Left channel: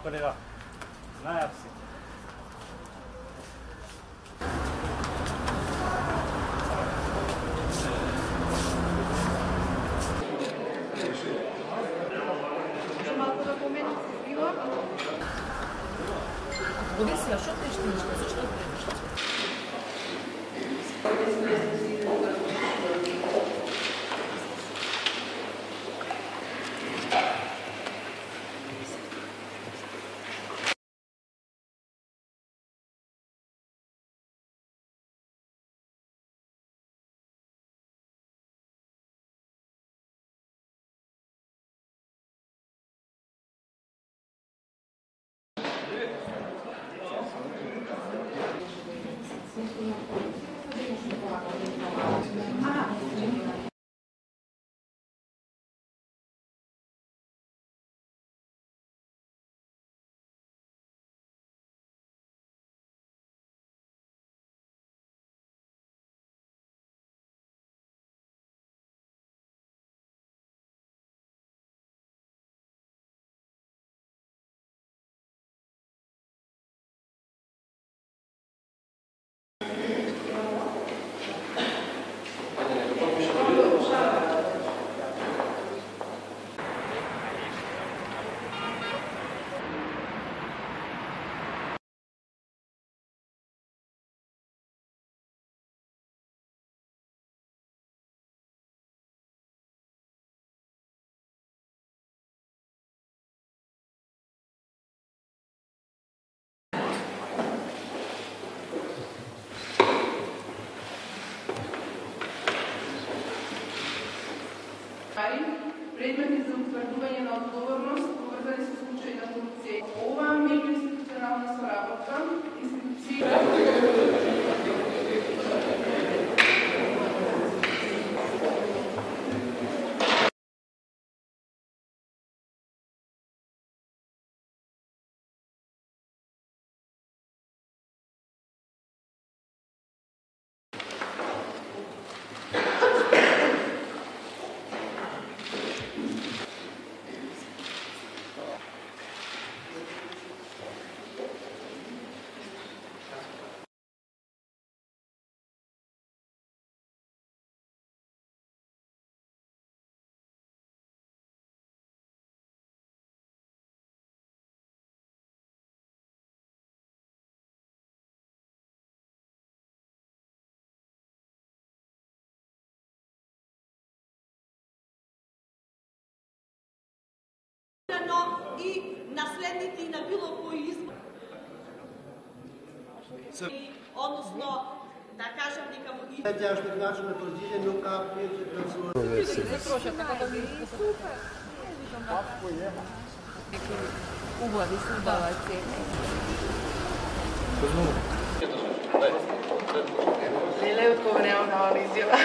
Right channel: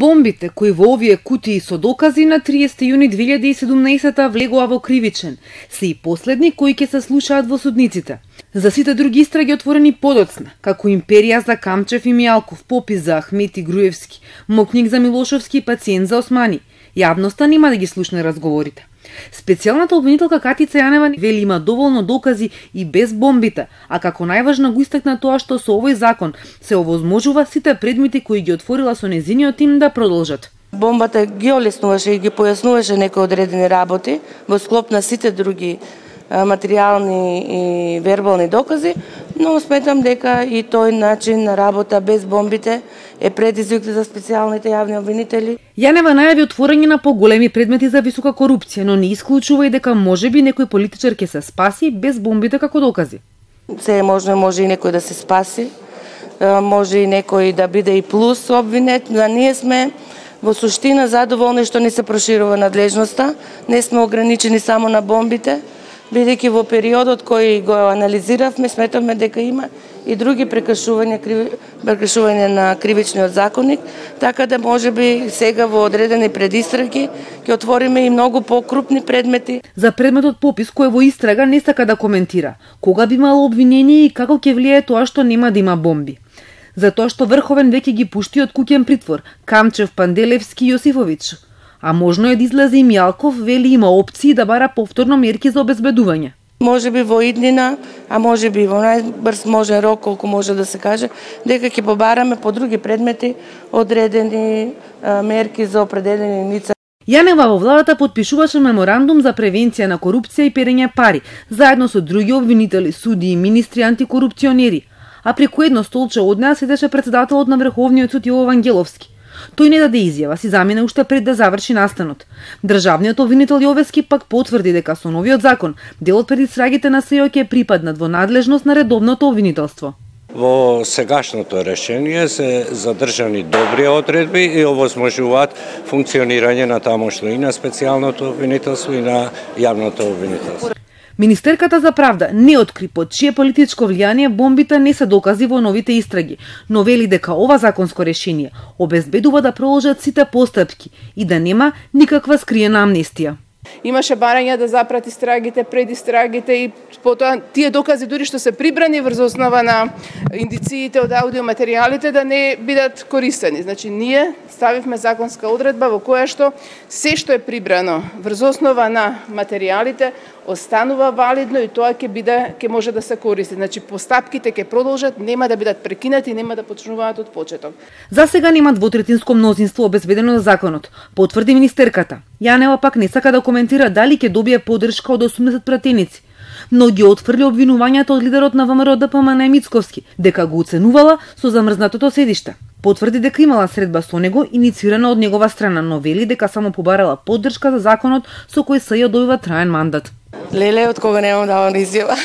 Бомбите кои во овие кутии со докази на 30 јуни 2017 влегоа во кривичен, се и последни кои ќе се слушаат во судниците. За сите други истраги отворени подоцни, како империја за Камчев и Мијалков, попис за Ахмети Груевски, мокник за Милошовски и пациент за Османи, јавноста нема да ги слушне разговорите. Специјалната обвинителка Катица Јанева вели има доволно докази и без бомбите, а како најважно го истакна тоа што со овој закон се овозможува сите предмети кои ги отворила со незиниот тим да продолжат. Бомбата ги олеснуваше и ги појаснуваше некои одредени работи во склоп на сите други материјални и вербални докази, но сметам дека и тој начин на работа без бомбите е предизвик за специјалните јавни обвинители. Јанева најави отворање на поголеми предмети за висока корупција, но не исклучува и дека можеби некој политичар ќе се спаси без бомбите како докази. Се е можно, може и некој да се спаси, може и некој да биде и плюс обвинет, но ние сме во суштина задоволни што не се проширува надлежноста, не сме ограничени само на бомбите, бидејќи во периодот кој го анализиравме, сметаме дека има и други прекршувања на кривичниот законник, така да можеби сега во одредени предистраги ќе отвориме и многу покрупни предмети. За предметот попис кој во истрага не сака да коментира кога би имало обвинение и како ќе влие тоа што нема да има бомби. Затоа што Врховен веќе ги пушти од куќен притвор Камчев, Панделевски и Јосифовиќ. А можно е да излезе и Мијалков, вели има опции да бара повторно мерки за обезбедување. Може би во иднина, а може би во најбрз можен рок, колку може да се каже, дека ќе побараме по други предмети одредени мерки за определени лица. Јанева во владата потпишуваше меморандум за превенција на корупција и перење пари, заедно со други обвинители, суди и министри антикорупционери. А преку едно столче од неа седеше председателот на Врховниот суд Јово Вангеловски. Тој не даде изјава, си замина уште пред да заврши настанот. Државниот обвинител Јовески пак потврди дека со новиот закон делот пред истрагите на СИО ќе припаднат во надлежност на редовното обвинителство. Во сегашното решение се задржани добри одредби и овозможуваат функционирање на тамошно и на специјалното обвинителство и на јавното обвинителство. Министерката за правда не откри под чие политичко влијание бомбите не се докази во новите истраги, но вели дека ова законско решение обезбедува да продолжат сите постапки и да нема никаква скриена амнестија. Имаше барања да запрати истрагите, предистрагите и потоа тие докази дури што се прибрани врз основа на индициите од аудиоматеријалите да не бидат користени. Значи ние ставивме законска одредба во која што се што е прибрано врз основа на материјалите останува валидно и тоа ќе може да се користи. Значи постапките ќе продолжат, нема да бидат прекинати, нема да почнуваат од почеток. За сега нема двотретинско мнозинство обезбедено за законот, потврди министерката. Јанева пак не сака да коментира дали ќе добие поддршка од 80 пратеници, но ги отфрли обвинувањата од лидерот на ВМРО ДПМН Мицковски, дека го оценувала со замрзнатото седиште. Потврди дека имала средба со него инициирана од негова страна, но вели дека само побарала поддршка за законот со кој СЈО добива траен мандат. Леле, од кога немам давам изјава.